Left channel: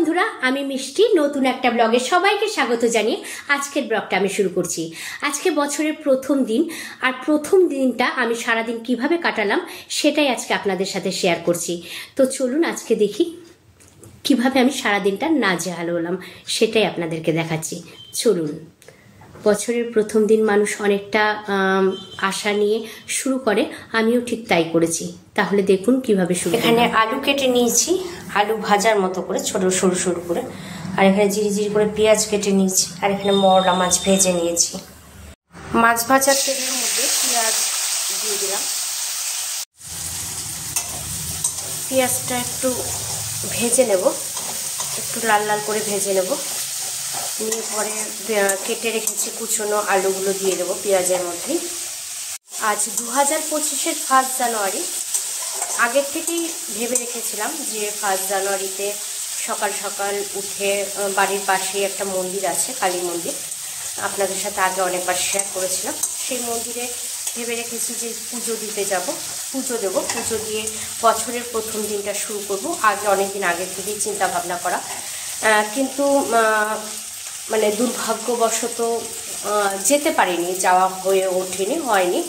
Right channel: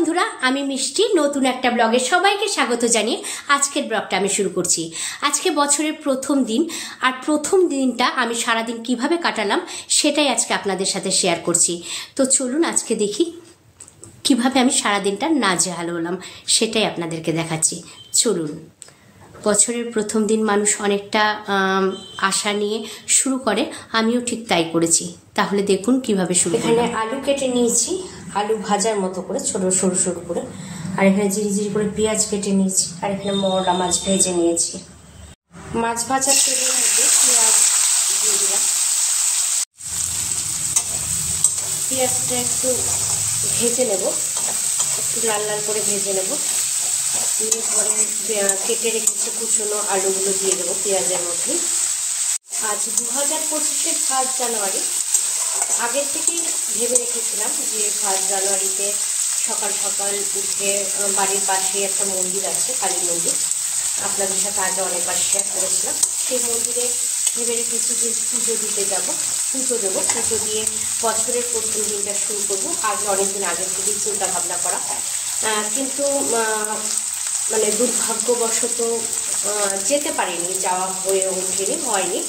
বন্ধুরা, আমি মিষ্টি নতুন একটা ব্লগে সবাইকে স্বাগত জানিয়ে আজকের ব্লগটা আমি শুরু করছি। আজকে বছরের প্রথম দিন, আর প্রথম দিনটা আমি সারাদিন কিভাবে কাটালাম সেটাই আজকে আপনাদের সাথে শেয়ার করছি। তো চলুন আজকে দেখি কিভাবে আমি সারাদিনটা নাজেহাল হলাম, সেটাই আপনাদেরকে দেখাচ্ছি। চলুন। বছরের প্রথম দিন মানুষ অনেকটা আশা নিয়ে শুরু করে, আমিও ঠিক তাই করেছি। তাহলে দেখুন কিভাবে শুরু। এখানে আলু কেটে নিয়েছি, আলু ভাজার মতো করে ছোট সরু সরু করে, আর এখানে জিরি জিরি করে পেঁয়াজ কেটে নিয়েছি, আর এখানে মরলা মাছ ভেজে নিয়েছি। মাছ ভাজার তেলের মধ্যে পেঁয়াজ দিয়ে দিলাম। পেঁয়াজটা একটু ভেজে নেব, একটু লাল লাল করে ভেজে নেব। নিয়ে পরে কেটে রেখেছি কুচনো আলুগুলো দিয়ে দেবো পেঁয়াজের মধ্যে। আজ 2025-এর 1 জানুয়ারি। আগের থেকেই ভেবে রেখেছিলাম যে 1 জানুয়ারিতে সকাল সকাল উঠে বাড়ির পাশে একটা মন্দির আছে, কালী মন্দির, আপনাদের সাথে আগে অনেকবার শেয়ার করেছিলাম। সেই মন্দিরে ভেবে রেখেছি যে পুজো দিতে যাব, পুজো দেবো। পুজো দিয়ে বছরের প্রথম দিনটা শুরু করব। আগে অনেকদিন আগের থেকেই চিন্তা ভাবনা করা, কিন্তু মানে দুর্ভাগ্যবশত যেতে পারিনি, যাওয়া হয়ে ওঠেনি, হয়নি।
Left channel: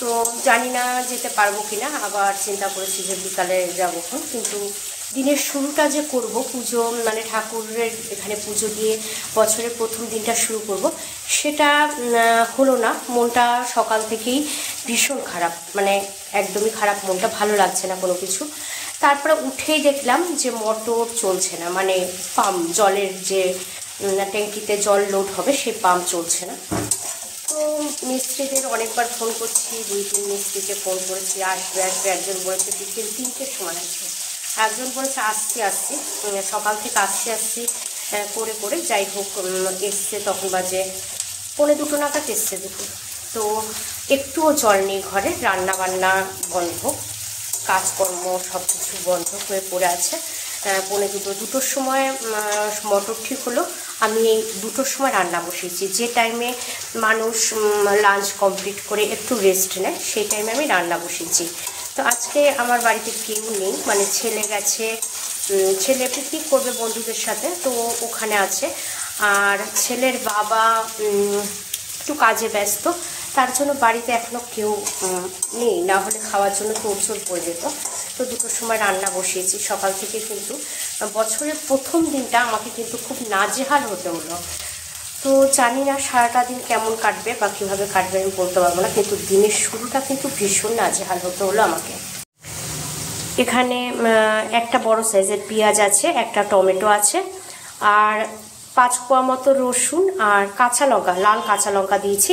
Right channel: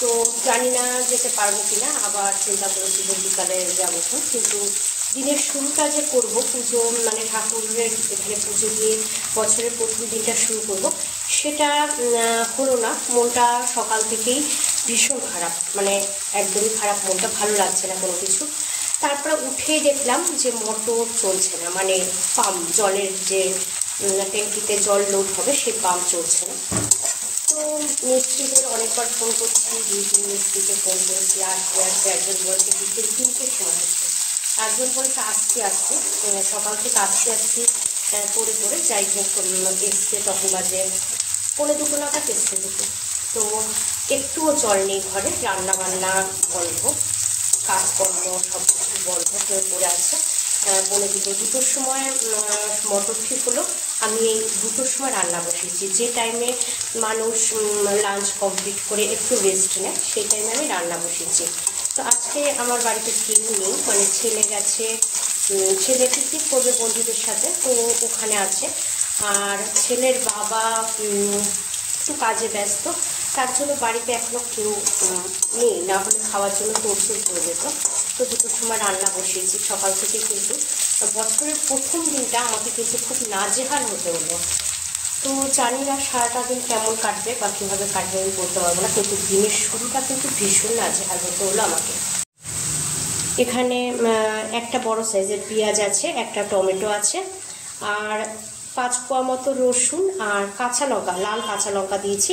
তো জানি না যেতে পারবো কিনা। আবার চিন্তা করেছি যে বিকালে যাবো, কিন্তু দিনের শুরুটা যে করব পুজো, মানে ঠাকুরের এখানে পুজো দিয়ে বছরের প্রথম দিনটা শুরু করব, সেটা হলো না। মনটা সকাল থেকেই ভীষণ খারাপ, মানে একদমই খারাপ, মনটা ভালো লাগছে না কোনো কিছু। তারপরে উঠেই দেখলাম যে মোটর চলছে না, মানে পাম্প, জলের যে ট্যাঙ্কিতে জল লোড হবে সেই পাম্প চলছে না। তো মিস্ত্রিদের অনেকবার ফোন করছি, 2-3 মিস্ত্রিকে ফোন করেছি, আসবে আসবে। একজন বলেছে বিকেল 3টের সময় আসবে, একজন বলেছে আসছি, সকাল থেকে আসছি করে করে যাই হোক এসছে। তখন বাজে 1:45 নাগাদ এসছে দুটো। তো একটুও জল নেই ঘরে, রান্না বান্না বন্ধ, কাজকর্ম সব কিছু বন্ধ হয়ে পড়ে আছে। 2:45-2টোর সময় মোটর ঠিক হলো। আমি এই 2টোর সময় রান্না বসিয়েছি। যে টাইমে মানুষ লাঞ্চ কমপ্লিট করে একটু রেস্ট নেয়, সেই টাইমে আমি রান্না বসিয়েছি। তো আজকে আমার বাড়িতে কেউ নেই, মানে ছেলে গেছে, ছেলে পিকনিক করবে বন্ধুদের সাথে, তো ওখানে আছে। আর ছেলের বাবা একটু কাজে ব্যস্ত, তার জন্য বাড়িতে এখনও কেউ নেই, না হলে খাওয়ার জন্য তোড়জোড় পড়ে যেত। তো 2টোর সময় রান্না বসিয়েছি। সকাল থেকে কিন্তু বছরের প্রথম দিনটা আমাকে কিন্তু খুব নাজেহাল হতে হলো। তো জানি না সারাটা দিন কেমন কাটবে বা কীভাবে কাটবে আমি বলতে পারবো না, কিন্তু দিনের শুরুটা কিন্তু ভীষণ নাজেহাল হতে হলো আমাকে। এখানে একটা বড় সাইজের পেঁয়াজ আছে, একটা টমেটো আছে, আর 5 কোয়া মতো রসুন, আর কাঁচা লঙ্কা, লাল কাঁচা লঙ্কা দিয়েছি,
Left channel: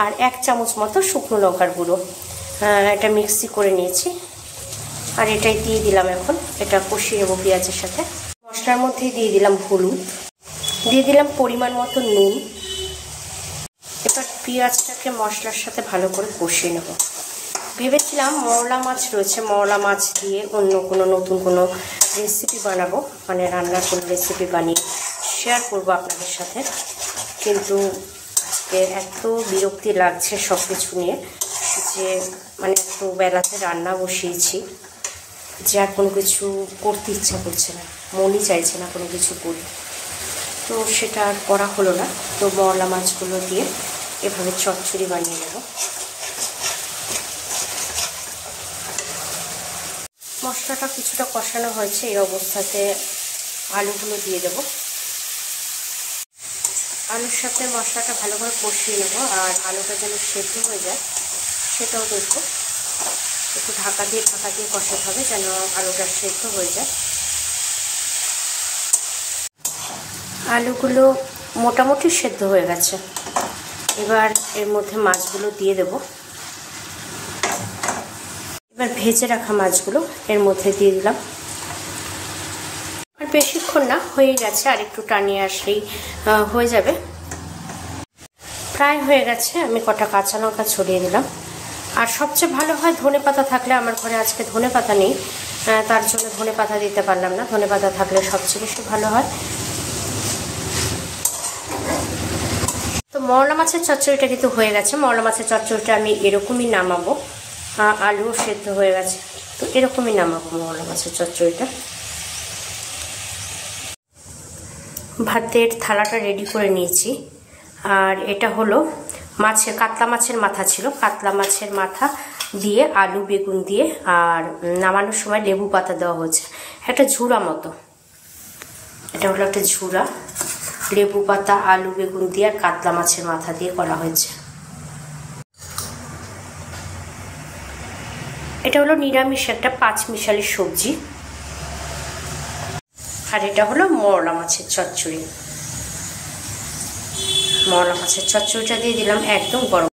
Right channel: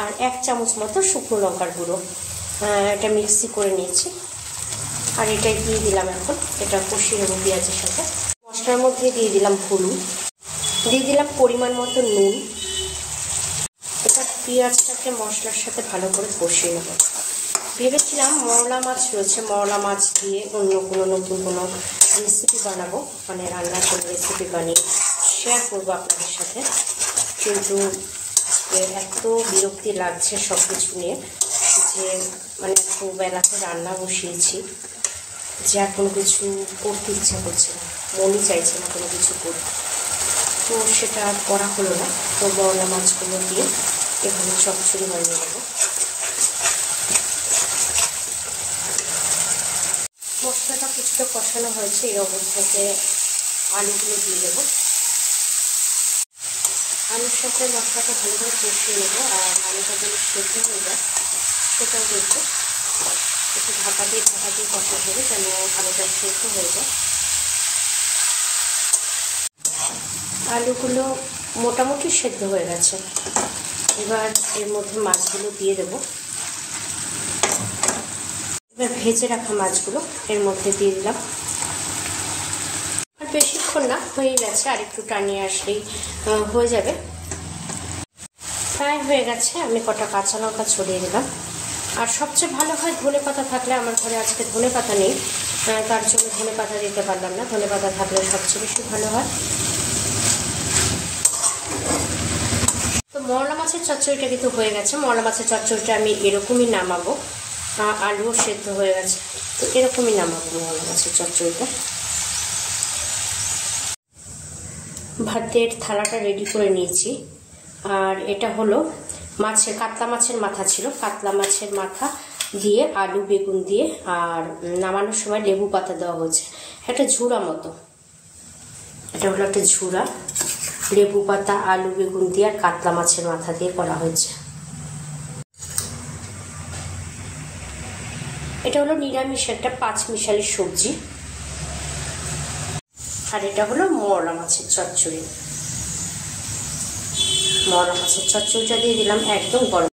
আর 1 চামচ মতো শুকনো লঙ্কার গুঁড়ো। এটা মিক্সি করে নিয়েছি, আর এটাই দিয়ে দিলাম। এখন এটা কষিয়ে নেবো পেঁয়াজের সাথে। মশলার মধ্যে দিয়ে দিলাম হলুদ, দিয়ে দিলাম পরিমাণ মতো নুন। এবার পেঁয়াজটাকে মশলার সাথে ভালো করে কষিয়ে নেব। ভেবেছিলাম মরলা মাছ রয়েছে, মরলা মাছ দিয়ে অন্য কোনো নতুন কোনো রেসিপি বানাবো, মানে রান্নার কোনো রেসিপি বানিয়ে শেয়ার করবো আপনাদের সাথে। কিন্তু আজকে এত বিরক্তি লাগছে সব কিছু নিয়ে, যে মানে এত বেলাতে রান্না বসিয়েছি যে আর কোনো কিছু করতে ইচ্ছা করছে না, মনই চাইছে না কোনো কিছু করি। তো সেটা আর করা হলো না। তো মরলা মাছগুলো দিয়ে এভাবে চচ্চড়ি বানিয়ে নেব। মশলাটা কিছুটা কষানো হয়েছে, এই অবস্থাতে আলুগুলো দিয়ে দেব। আলুর সাথে মশলাটা ভালো করে কষিয়ে নেব, আর আলুটা যেন সেদ্ধ হয়ে যায় সেটাও দেখব। একটু ঢাকা দিয়ে কষাতে হবে যেন আলুটা সেদ্ধ হয়ে যায়। আলুগুলো মোটামুটি সেদ্ধ হয়ে গেছে। এবার এর মধ্যে মাছগুলো দিয়ে দেব। এবার ভেজে রাখা মাছগুলো এর মধ্যে দিয়ে দিলাম। আর বেশিক্ষণ না, হয়ে গেছে, আর একটু টানিয়ে আসলেই হয়ে যাবে। প্রায় হয়ে গেছে। আমি কটা কাঁচা লঙ্কা ছড়িয়ে দিলাম। আর সবচেয়ে ভালো হয় ধনেপাতা থাকলে, আমার ঘরে আজকে ধনেপাতা নেই, তার জন্য ধনেপাতা দিতে পারলাম না। ধনেপাতা থাকলে সবচেয়ে বেশি ভালো হয়। তো মরলা মাছের চচ্চড়িটা কিন্তু হয়ে গেছে। মরলা মাছের চচ্চড়িটা আমি এরকমই নামাবো। আলুও সেদ্ধ হয়ে গেছে, তো এরকমই নামাবো মরলা মাছের চচ্চড়িটা। ভাতের থালাটা রেডি করে নিয়েছি। আর এটা হলো কাতলা মাছের মাথা ছিল, কাতলা মাছের মাথা দিয়ে আলু বেগুন দিয়ে, আর নামানোর সময় লেবু পাতা দেওয়া হয়েছে, একটা ঝুড়া মতো। এটা হলো একটা ঝুড়া, লেবু পাতা আলু বেগুন দিয়ে আর কাতলা মাছের মাথা দিয়ে করা হয়েছে। এটা হলো নিরামিষ একটা 5 মিশালি সবজি। আর এটা হলো মরলা মাছের চচ্চড়ি। মরলা মাছের চচ্চড়িটা দিয়ে দিলাম একদম গরম।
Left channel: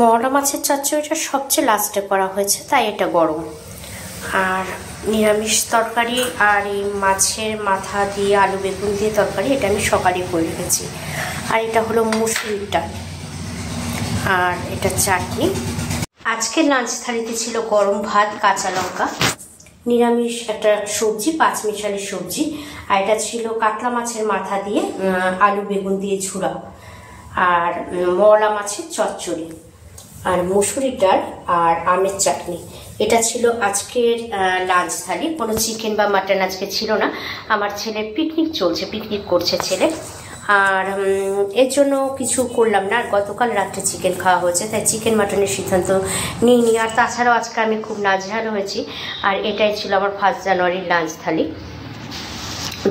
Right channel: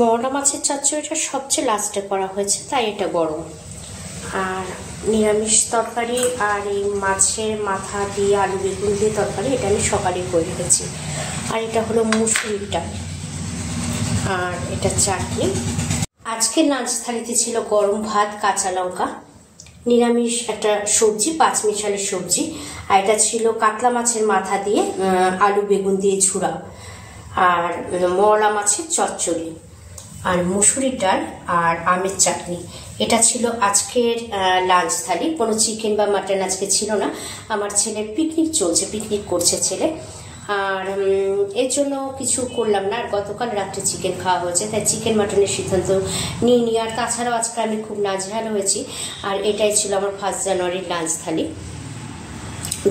মরলা মাছের চচ্চড়িটা সবচেয়ে লাস্টে করা হয়েছে, তাই এটা গরম। আর নিরামিষ তরকারি আর এই মাছের মাথা দিয়ে আলু বেগুন দিয়ে তরকারি, এটা আমি সকালে করে রেখেছি। আর এটা হলো মুসুরির ডাল, আর এটা চাটনি। আজকের লাঞ্চ থালিতে ছিল গরম ভাত, কাঁচা লঙ্কা, নিরামিষ একটা সবজি 5 মিশালি সবজি, আর এটা ছিল কাতলা মাছের মাথা দিয়ে আলু বেগুন দিয়ে ঝুড়া, আর মরলা মাছের চচ্চড়ি, আর মুসুরির ডাল, আর আমের চাটনি। এটা ছিল আজকের লাঞ্চ থালি। কোনো চিকেন বা মাটন আজকে ছিল না। আমার ছেলের পিকনিক চলছে, পিকনিক করছে ছেলে, আর এর জন্য কিছু করলাম না। আর গতকাল রাত্রে চিকেন খাওয়া হয়েছে, তাই চিকেন মাটনের সিদ্ধান্ত নিইনি। আর তাছাড়াও আজকে আমি খুব নাজেহাল হয়েছি। আর এটাই ছিল আমার 1 জানুয়ারির লাঞ্চ থালি।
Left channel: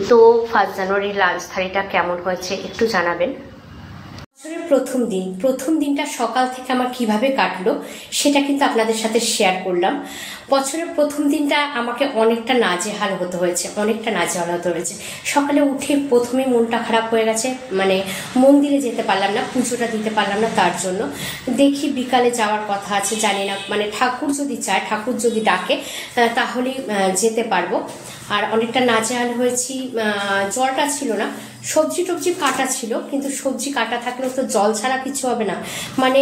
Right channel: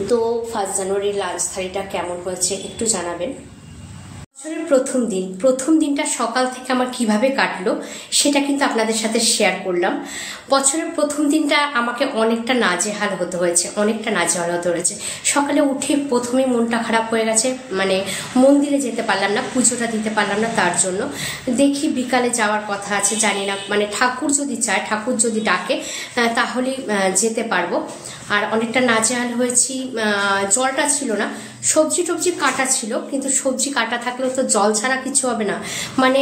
তো 1 জানুয়ারির লাঞ্চ থালিটা কেমন হয়েছে একটু জানাবেন। বছরের প্রথম দিনটা সকাল থেকে আমার কিভাবে কাটলো সেটা কিন্তু আপনাদের সাথে শেয়ার করলাম। বছরের প্রথম দিনটা আমাকে অনেকটা নাজেহাল হতে হয়েছে, সকালে উঠে প্রথমেই মনটা খারাপ হয়ে গেছে, মানে মন্দিরে যেতে পারলাম না, পুজোটা দিতে পারলাম না। তার জন্য দেখি বিকালে যাওয়ার কথা আছে, জানি না, মানে ঠাকুর যদি চায়, ঠাকুর যদি ডাকে তাহলে যেতে পারবো। আর অনেকটা নাজেহাল হয়েছি। জলটা ছিল না, সবজি টবজি কাটা ছিল, কিন্তু সবজি কাটা থাকলেও তো জল ছাড়া কিছু হবে না। মানে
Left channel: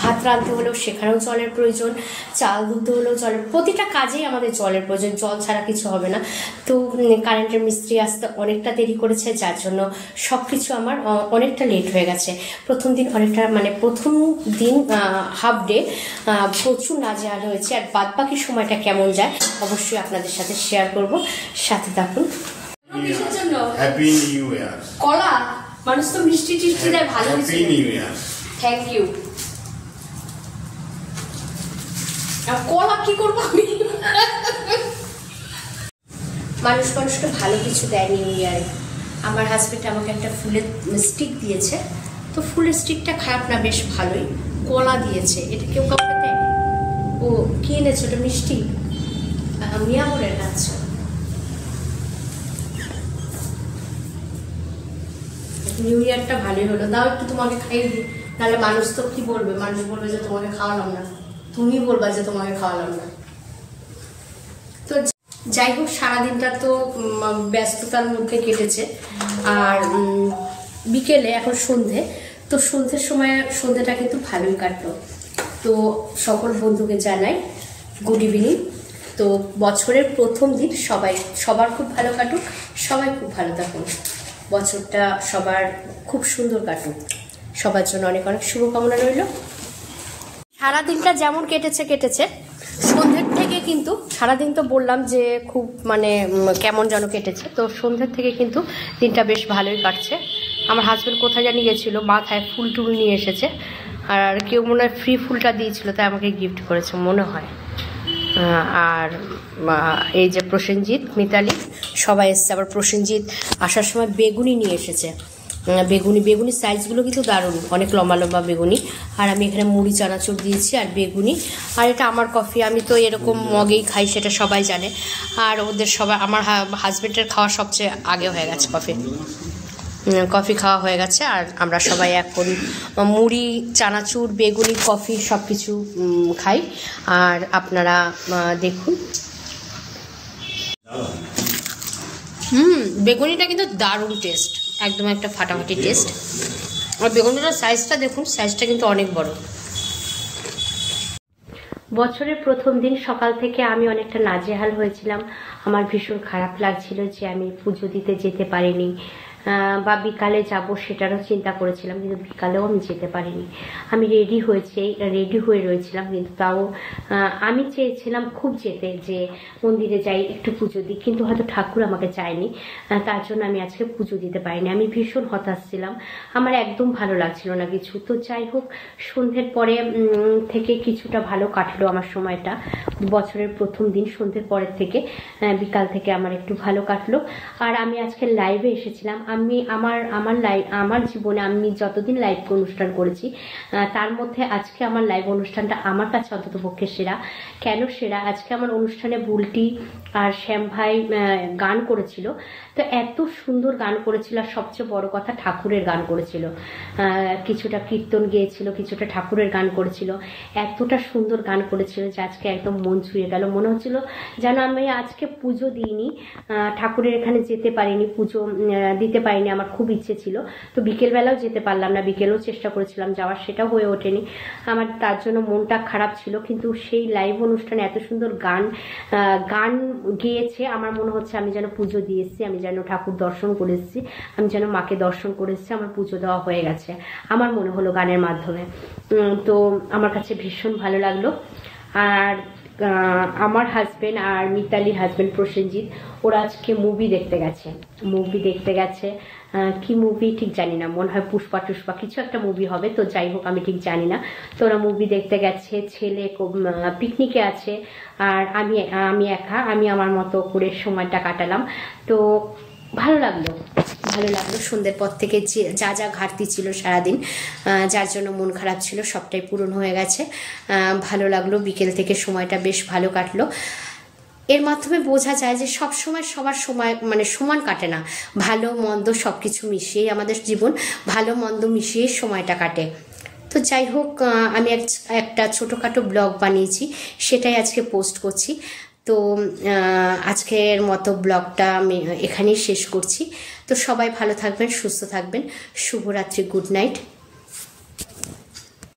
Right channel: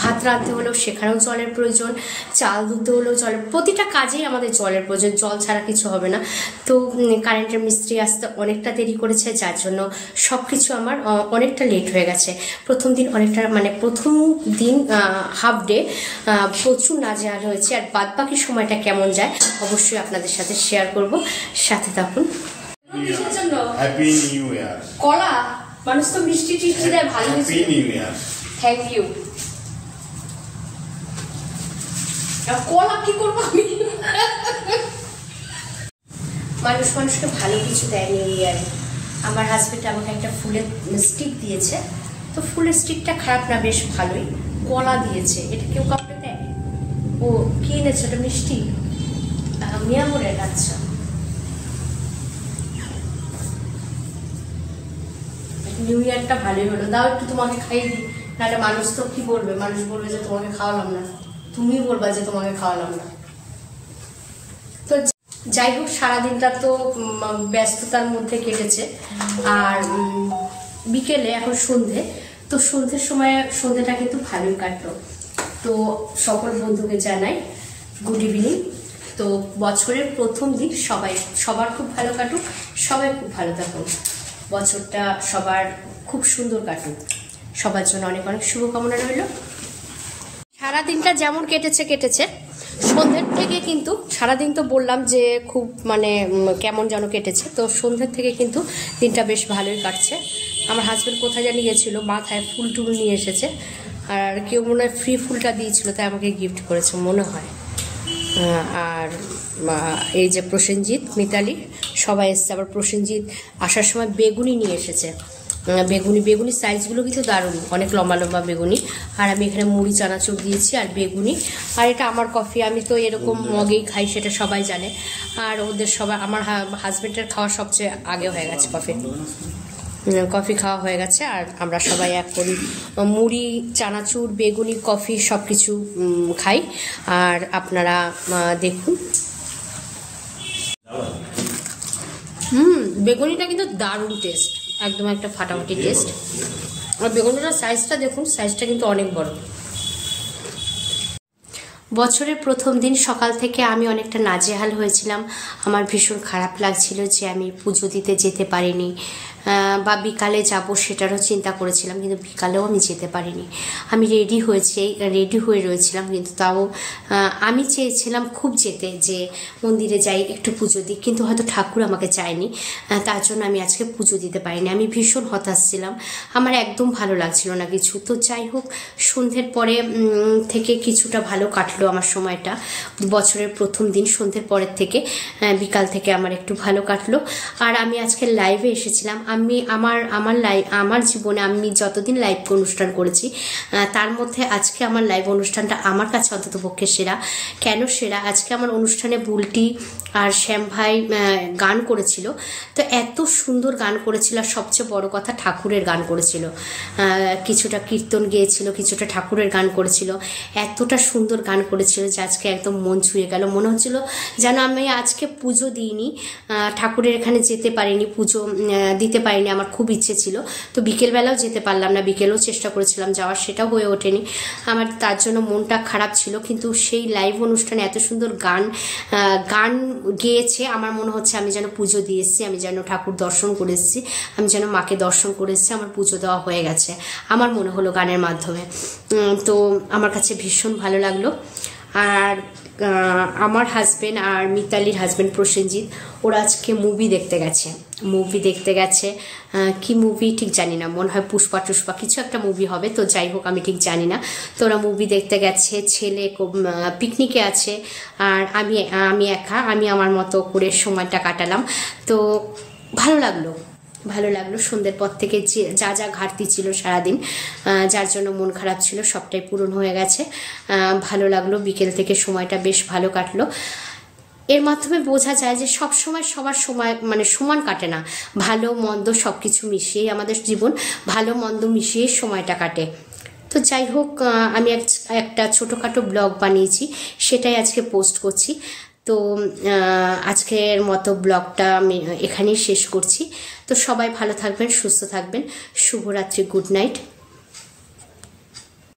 ভাত রাঁধতে হলেও সেখানেও জলের প্রয়োজন, চাল ধুতে হলেও জলের, প্রতিটা কাজেই আমাদের জলের প্রয়োজন, জল ছাড়া কিছু হবে না। তো কারেন্টের মিস্ত্রি আসতে অনেকটা দেরি করেছে, যার জন্য সবকিছু আমার অনেকটা লেট হয়ে গেছে। প্রথম দিন অনেকটা, মানে প্রথম দিন হাফ ডে প্রচুর নাজেহাল হয়েছে। আর বাদ বাকি সময়টা কেমন যায় অবশ্যই আপনাদের সাথে শেয়ার করব, সাথে থাকুন। Happy new year. কলা মানুষ তো মিষ্টি টিষ্টি দেয়, ভালো হয়েছে। Happy new year. Thank you. কলা কি করবো আমি? মানুষকে ভালো কিছু দেয় নিউ ইয়ারে। আমার হাজবেন্ড আমাকে একটা ফুলের স্টিক দিয়েছে, তো ফুলের স্টিকটা খারাপ না, বেশ ভালোই। কলা দিয়েছে, এটা কেউ কাউকে দেয়? ও কি এনেছে? ওটা মিষ্টি মিয়ামরের। আচ্ছা, নিউ ইয়ারটা ভালোই হলো। দাও একটু তোমাকে খাইয়ে দিই, নাহলে মানুষ তো কি বলবে, মানুষ বলবে যে তোমাকে খাওয়ালাম না, তুমি বলবা যে তোমাকে খাওয়ালাম না। তো যাই হোক, সারাদিনটা তো ব্যস্ততার মধ্যে কেটেছে। আর বিকেলে এখন সন্ধে, তো সন্ধ্যের সময় সন্ধ্যেটা কিন্তু ভালোই কাটলো। তো সকল বন্ধুকে জানাই গুড ইভিনিং। তো বছরের প্রথম দিন সবার খুব ভালো কাটুক, সবাই খুব ভালো থাকুন, বছরটা সবার খুব সুন্দর কাটুক, সবার জন্য অনেক অনেক শুভকামনা রইল। সারাদিনটা যেমন কেটেছে, সন্ধ্যের থেকে কিন্তু, সারাদিন তো বললাম যে খুব মানে কেমন যেন কেটেছে, তো সন্ধ্যের থেকে কিন্তু দিনটা বেশ ভালোই কাটছে। আমার হাজব্যান্ড কোথায় জানি গেছিলো, মাথায় ফুল টুল নিয়ে এসেছে, আর কেউ মনে হয় ফ্রি ফুলটা দিয়েছিল, তাই আমাকে গিফট করেছে মনে হয়। আর এই যে প্রসেনজিৎ, মিতালি সবাই এসছে। আবার প্রসেনজিৎ আসার সময় বেগুনি নিয়ে এসেছে, বেগুনি সাইজগুলো কিন্তু দারুণ, অনেক লম্বা লম্বা বেগুনি। আর আমি এখানে মুড়ি চানাচুর দিয়েছি আর বেগুনি। আর এটা আমার কফি, আমি তো এরকম মগেই খাই, সেটা সবাই জানে। আর ওদের সবাই, আমার হাজবেন্ডের খাওয়া সবচেয়ে আগে হয়ে গেছে, কফি খাওয়া হয়ে গেছে। আর আমরা সবাই এখন মুড়ি চানাচুর বেগুনি কফি সব কিছু খাই। আর আপনারা দেখুন, বেগুনিটা কিন্তু দারুণ টেস্ট, একদম একটা ফাটাফাটি টেস্ট। আর বেগুনিটার সাইজটা দেখুন, সাইজটা কিন্তু অনেক বড়। বছরের প্রথম দিন সকাল থেকে আমি অনেকটা নাজেহাল হয়েছিলাম। আমার ভীষণ খারাপ লাগছিল যে আমি পুজো দিতে যেতে পারিনি, বা বিকালে যাব সেটারও চিন্তা করেছিলাম, কিন্তু বিকালেও আমি যেতে পারিনি। আমি রেডি হয়ে রয়েছিলাম, কিন্তু তাও আমি চেয়েছিলাম খুব যেতে, যে মন্দিরে যাই একটু পুজো দিই, কিন্তু হয়তো ঠাকুর আমাকে চায়নি, তার জন্য আমি আজকে পুজো দিতে পারিনি। আমি ভীষণ হতাশ ছিলাম, আমার একদম ভালো লাগছিল না কিছু। তো যাই হোক, সন্ধ্যের পরে থেকে কিছুটা ভালো কাটলো আমার সময়টা। বছরের প্রথম দিন সন্ধ্যের পরের থেকে বিকাল থেকে আমার একটু ভালো কাটলো। আর আমি আজকে লাইভে এসেছিলাম। আমি আমার জীবনে আমি যতদিন লাইভ অনুষ্ঠান করেছি তার মধ্যে আজকে আমার লাইভ অনুষ্ঠানটা আমার কাছে অন্তত পক্ষে সেরা। কেন সেরা? আজকে আমার অনুষ্ঠানে বুলটি আর শ্যাম ভাই গান করেছিল, তো এত সুন্দর গান করেছিল। আর সবচেয়ে বড় কথা, ঠাকুরের গান করেছিল, কিছুটা কীর্তন গেয়েছিল, কিছুটা ঠাকুরের গান করেছিল। এতটা সুন্দর গান করেছিল যে আজকে একদম মন ছুঁয়ে গেল। মনে হচ্ছিল যেন আমি আজকে পুজো দিইনি, ঠাকুরের এখানে যেতে পারিনি, পুজো দিতে পারিনি। আমার খুব ইচ্ছে ছিল, তো বিকেলবেলাও যেতে পারলাম না। বিকেলেও চেষ্টা করেছিলাম যাওয়ার, সেটাও হয়ে ওঠেনি আমার, তার জন্য মনটা খারাপ ছিল। কিন্তু সেই লাইভ অনুষ্ঠানে এত সুন্দর গান গেয়েছে, আমার মনে হচ্ছে আমি যেন পুজো দিয়ে এসেছি, আমি যেন ঠাকুর দর্শন করে এসেছি, আমি যেন মাকে দর্শন করে এসেছি, আমার পুজো দেওয়া হয়ে গেছে আমার মনে হলো গানের মাধ্যমে। তো আমার কাছে ভীষণ ভালো লাগলো। আর আমার হাজব্যান্ড আর মিতালির হাজব্যান্ড প্রসেনজিৎ, ওরা আজকে মুভি দেখতে গেছে। কি মুভি ঠিক জানি না, মনে হয় পুষ্পা কিছু একটা মুভি হবে, তো যাই হোক আমি ঠিক জানি না। তো ওরা মুভি দেখতে গেছে, ছেলে পিকনিকে আছে, আর আমি একা, আমি আমার মতো করে সময়টা কাটালাম। তো ভালো লাগলো। সন্ধ্যের পর থেকে যা ঘাটতি ছিল সারাদিন, যার জন্য মন খারাপ ছিল, সবটাই পূরণ হয়ে গেছে। ভালো লাগলো, বিকেল থেকে সময়টা বেশ ভালো কাটলো। এর মাধ্যমে বোঝা যায় যে সব সময় সবার সময় মানে সমান কাটে না, ভালো মন্দ সব কিছু মিশিয়েই আমাদের জীবন, ভালো মন্দ মিশিয়েই সময়টা কাটে। তো যাই হোক, আমি একটা ছোটোখাটো ব্লগ বানিয়েছি, সেটাই আজকে পোস্ট করছি। তো আজকের মতো ব্লগটা আমি এখানেই শেষ করছি। তো সবাই ভালো থাকবেন, সুস্থ থাকবেন। শুভরাত্রি, গুড নাইট।